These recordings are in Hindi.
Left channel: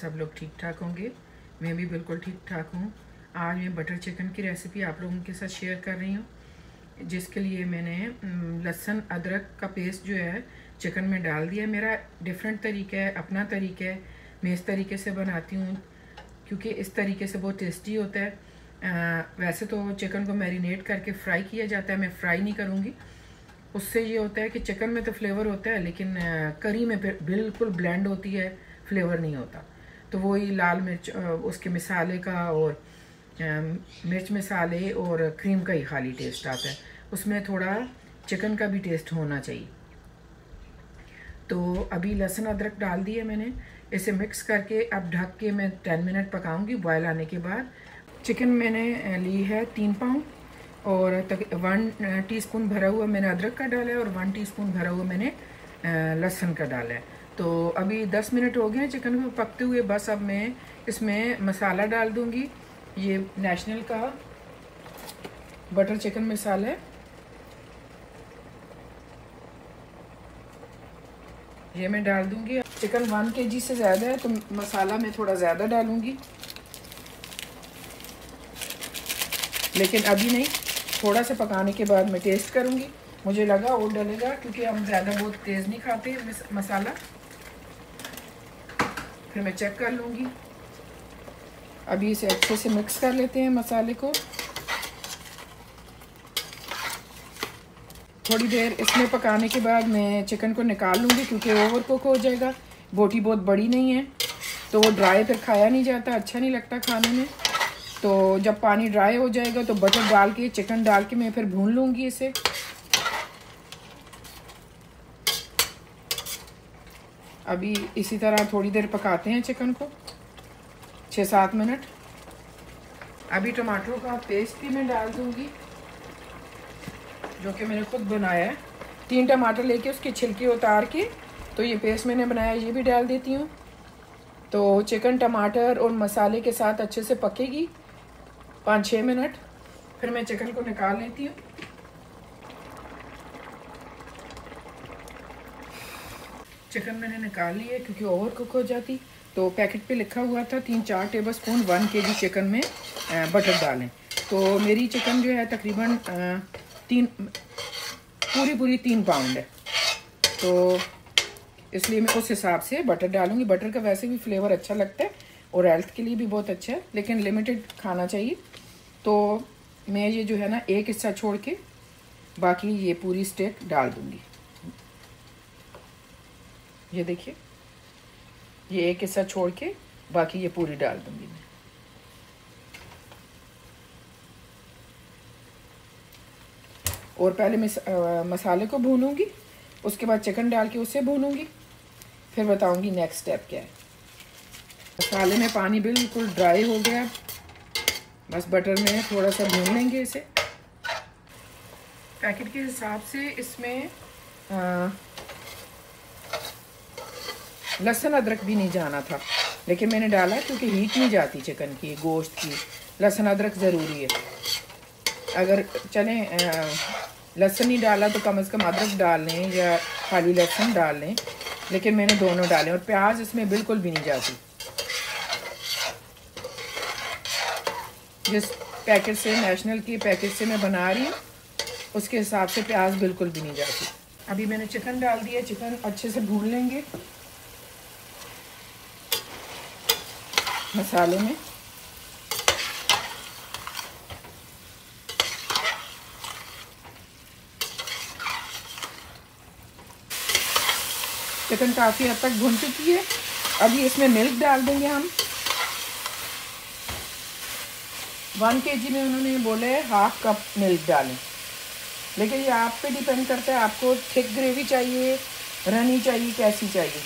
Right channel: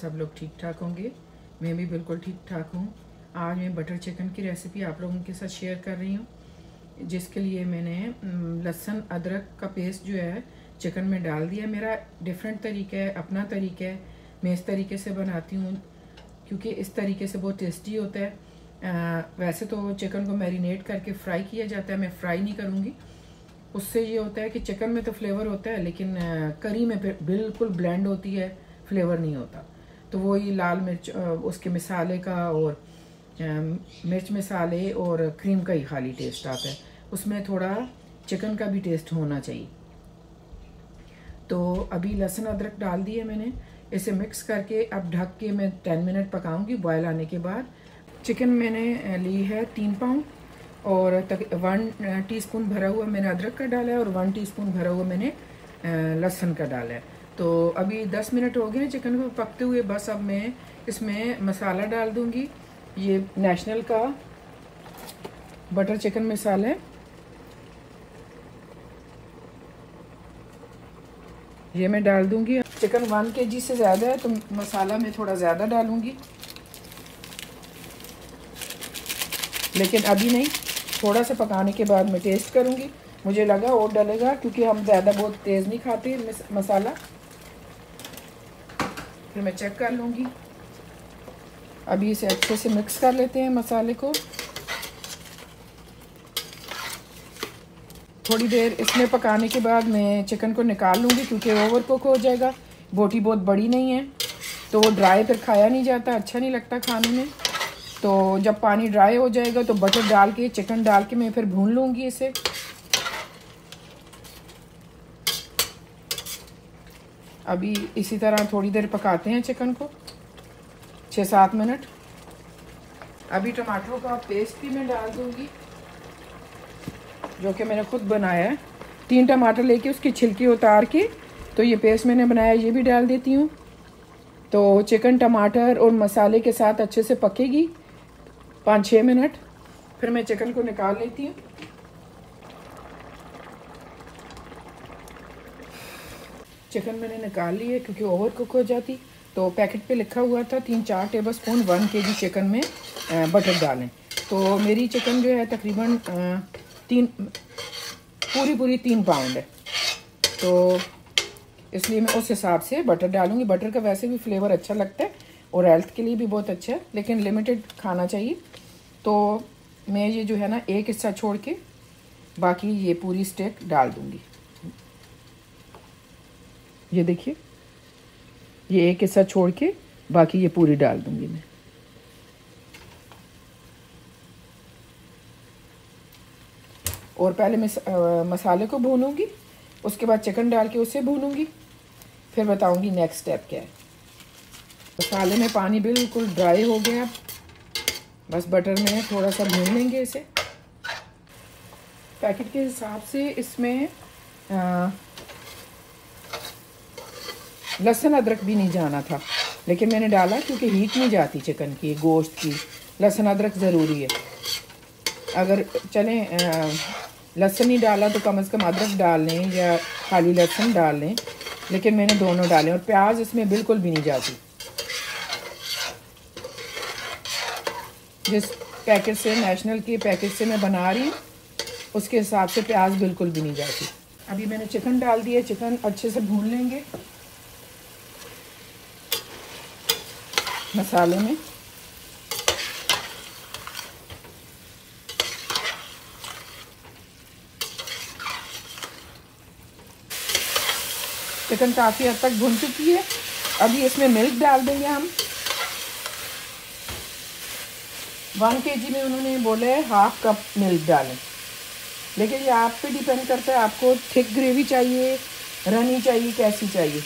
सब लोग ठीक ठाक होंगे। मैं भी बिल्कुल ठीक ठाक हूँ। आज मैं बटर चिकन की रेसिपी आप लोगों के साथ शेयर कर रही हूँ, जिसके लिए मैंने लहसुन अदरक का पेस्ट जो है चिकन में डाल दिया। मेरा डिफरेंट तरीका है, अपना तरीका है। मैं इस तरीके से बनाती हूँ क्योंकि इस तरीके से बहुत टेस्टी होता है। वैसे तो चिकन को मैरिनेट करके फ्राई किया जाता है, मैं फ्राई नहीं करूँगी। उससे ये होता है कि चिकन में तो फ्लेवर होता है, लेकिन करी में बिल्कुल ब्लेंड होती है, फ्लेवर नहीं होता। तो वही लाल मिर्च उसके मसाले का और मिर्च मसाले और क्रीम का ही खाली टेस्ट आता है, उसमें थोड़ा चिकन का भी टेस्ट होना चाहिए। तो अभी लहसुन अदरक डाल दिया मैंने, इसे मिक्स करके अब ढक के मैं 10 मिनट पकाऊंगी। बॉयल आने के बाद चिकन मैंने ली है 3 पाउंड और 1 टीस्पून भरा हुआ मैंने अदरक का डाला है और 1 टीस्पून भरा हुआ मैंने लहसुन का डाला है। तो अभी 10 मिनट हो गए हैं चिकन को पकते हुए। बस अब मैं इसमें मसाला डाल दूंगी। ये नेशनल का बटर चिकन मसाला है, ये मैं डाल दूंगी। चिकन 1 kg से ज़्यादा है तो मसाला मैं थोड़ा ज़्यादा डालूंगी, लेकिन अभी नहीं, थोड़ा सा पकाने के बाद मैं टेस्ट करूंगी। मुझे लगा और डालेगा क्योंकि हम ज़्यादा बहुत तेज़ नहीं खाते मसाला। फिर मैं चेक कर लूँगी। अभी इसे अच्छे से मिक्स कर लेते हैं मसाले को। थोड़ी देर इसमें पकाने के बाद मैं चिकन को निकाल लूँगी क्योंकि ओवर कुक हो जाएगा। बोटी बहुत बड़ी नहीं है तो वो ड्राई फिर खाया नहीं जाता, अच्छा नहीं लगता खाने में। तो जब पानी ड्राई हो जाएगा तो बटर डाल के चिकन डाल के मैं फिर भून लूँगी इसे। अभी इसी तरह थोड़ी देर पकाते हैं चिकन को, 6-7 मिनट। अभी टमाटरों का पेस्ट भी मैं डाल दूँगी जो कि मैंने खुद बनाया है। 3 टमाटर लेके उसकी छिलकी उतार के तो ये पेस्ट मैंने बनाया, ये भी डाल देती हूँ। तो चिकन टमाटर और मसाले के साथ अच्छे से पकेगी 5-6 मिनट। फिर मैं चिकन को निकाल लेती हूँ। चिकन मैंने निकाल ली है क्योंकि ओवर कुक हो जाती। तो पैकेट पे लिखा हुआ था 3-4 टेबल स्पून 1 kg चिकन में बटर डालें। तो मेरी चिकन जो है तकरीबन पूरी 3 पाउंड है, तो इसलिए मैं उस हिसाब से बटर डालूंगी। बटर का वैसे भी फ्लेवर अच्छा लगता है और हेल्थ के लिए भी बहुत अच्छा है, लेकिन लिमिटेड खाना चाहिए। तो मैं ये जो है ना एक हिस्सा छोड़ के बाकी ये पूरी स्टेक डाल दूंगी। ये देखिए, ये एक हिस्सा छोड़ के बाकी ये पूरी डाल दूंगी मैं। और पहले मैं मसाले को भूनूंगी, उसके बाद चिकन डाल के उसे भूनूंगी, फिर बताऊंगी नेक्स्ट स्टेप क्या है। मसाले में पानी बिल्कुल ड्राई हो गया, बस बटर में थोड़ा सा भून लेंगे इसे। पैकेट के हिसाब से इसमें लहसुन अदरक भी नहीं जाना था, लेकिन मैंने डाला क्योंकि हीट नहीं जाती चिकन की, गोश्त की। लहसुन अदरक ज़रूरी है। अगर चलें लहसुन नहीं डाला तो कम से कम अदरक डाल लें या खाली लहसुन डाल लें, लेकिन मैंने दोनों डाले। और प्याज इसमें बिल्कुल भी नहीं जाती। जिस पैकेट से, नेशनल के पैकेट से मैं बना रही हूँ, उसके हिसाब से प्याज बिल्कुल भी नहीं जाती। अभी मैंने चिकन डाल दिया, चिकन अच्छे से भून लेंगे मसाले में। चिकन काफ़ी हद तक भुन चुकी है। अभी इसमें मिल्क डाल देंगे हम। 1 kg में उन्होंने बोला है 1/2 कप मिल्क डालें, लेकिन ये आप पे डिपेंड करता है, आपको थिक ग्रेवी चाहिए, रनी चाहिए, कैसी चाहिए।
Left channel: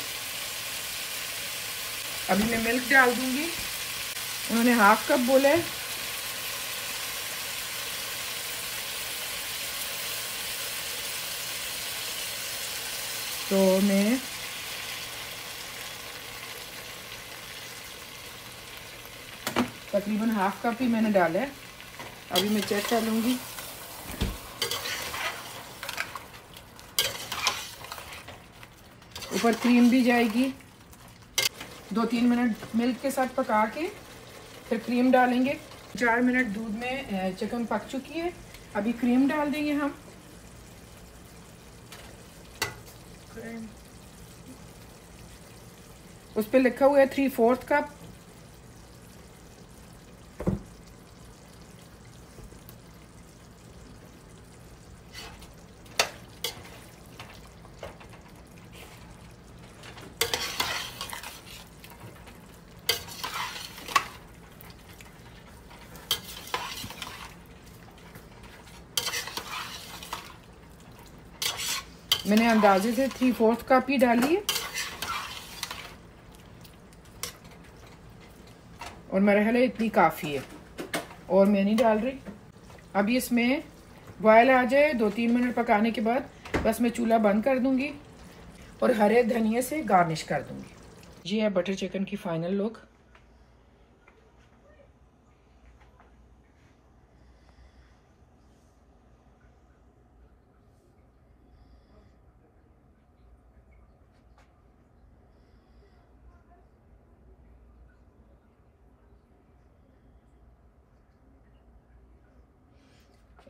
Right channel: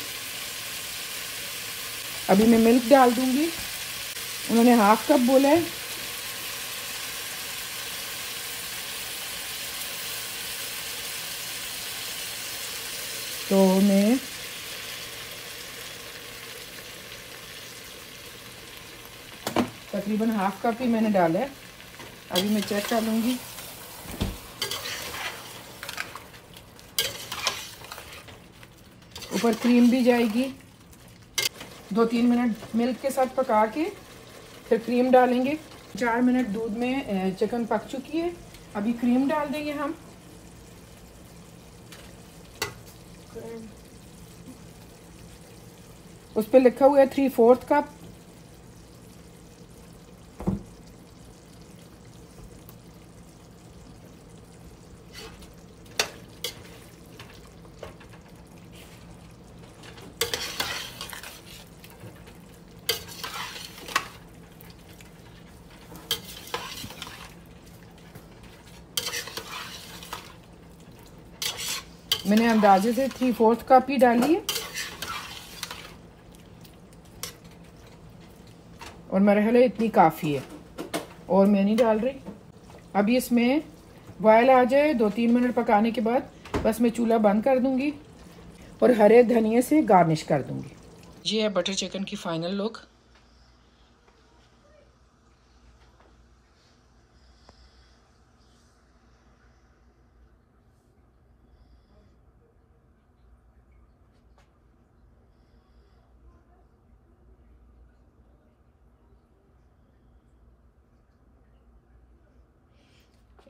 अभी मैं मिल्क डाल दूंगी। उन्होंने 1/2 कप बोला है। तो मैं तकरीबन 1/2 कप ही मैंने डाला है। अभी मैं चेक कर लूँगी। ऊपर क्रीम भी जाएगी। 2-3 मिनट मिल्क के साथ पका के फिर क्रीम डालेंगे। 4 मिनट दूध में चिकन पक चुकी है, अभी क्रीम डाल देंगे हम। उस पर लिखा हुआ है 3/4 कप। मैंने अंदाजे से 3/4 कप ही डाली है और मेरा ख्याल है इतनी काफ़ी है, और मैं नहीं डाल रही। अभी इसमें बॉयल आ जाए 2-3 मिनट पकाने के बाद बस मैं चूल्हा बंद कर दूंगी और हरे धनिए से गार्निश कर दूंगी। ये है बटर चिकन की फाइनल लुक।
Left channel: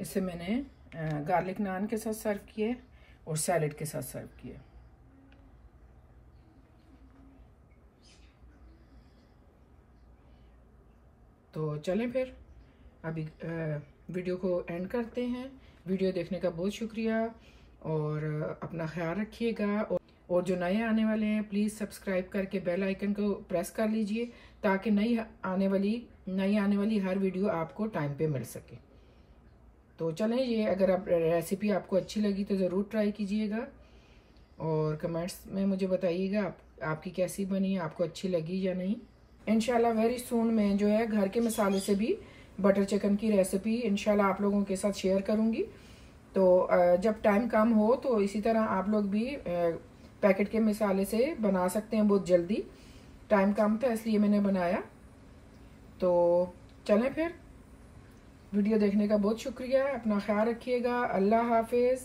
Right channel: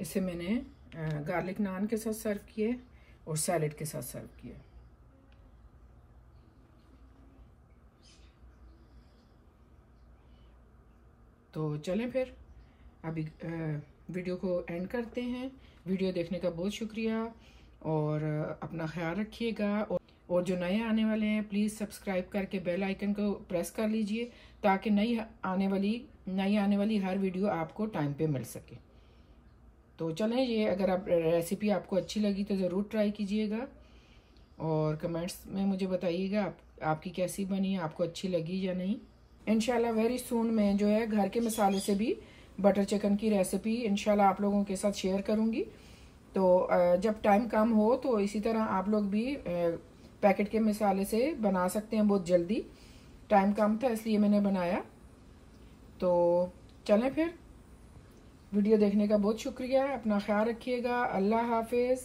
इसे मैंने गार्लिक नान के साथ सर्व किए और सैलेड के साथ सर्व किए। तो चलें फिर अभी वीडियो को एंड करते हैं। वीडियो देखने का बहुत शुक्रिया और अपना ख्याल रखिएगा। और जो नए आने वाले हैं प्लीज़ सब्सक्राइब करके बेल आइकन को प्रेस कर लीजिए ताकि नई आने वाली हर वीडियो आपको टाइम पे मिल सके। तो चलें, ये अगर आप रेसिपी आपको अच्छी लगी तो ज़रूर ट्राई कीजिएगा और कमेंट्स में मुझे बताइएगा आपकी कैसी बनी, आपको अच्छी लगी या नहीं। इंशाल्लाह वेरी सून मैं जो है घर के मसाले से भी बटर चिकन की रेसिपी इंशाल्लाह आप लोगों के साथ शेयर करूंगी। तो जब टाइम कम हो तो इसी तरह आप लोग भी पैकेट के मसाले से बना सकते हैं। बहुत जल्दी, टाइम कम था इसलिए मैंने बनाया। तो चलें फिर, वीडियो देखने का बहुत शुक्रिया। अपना ख्याल रखिएगा। अल्लाह हाफिज़।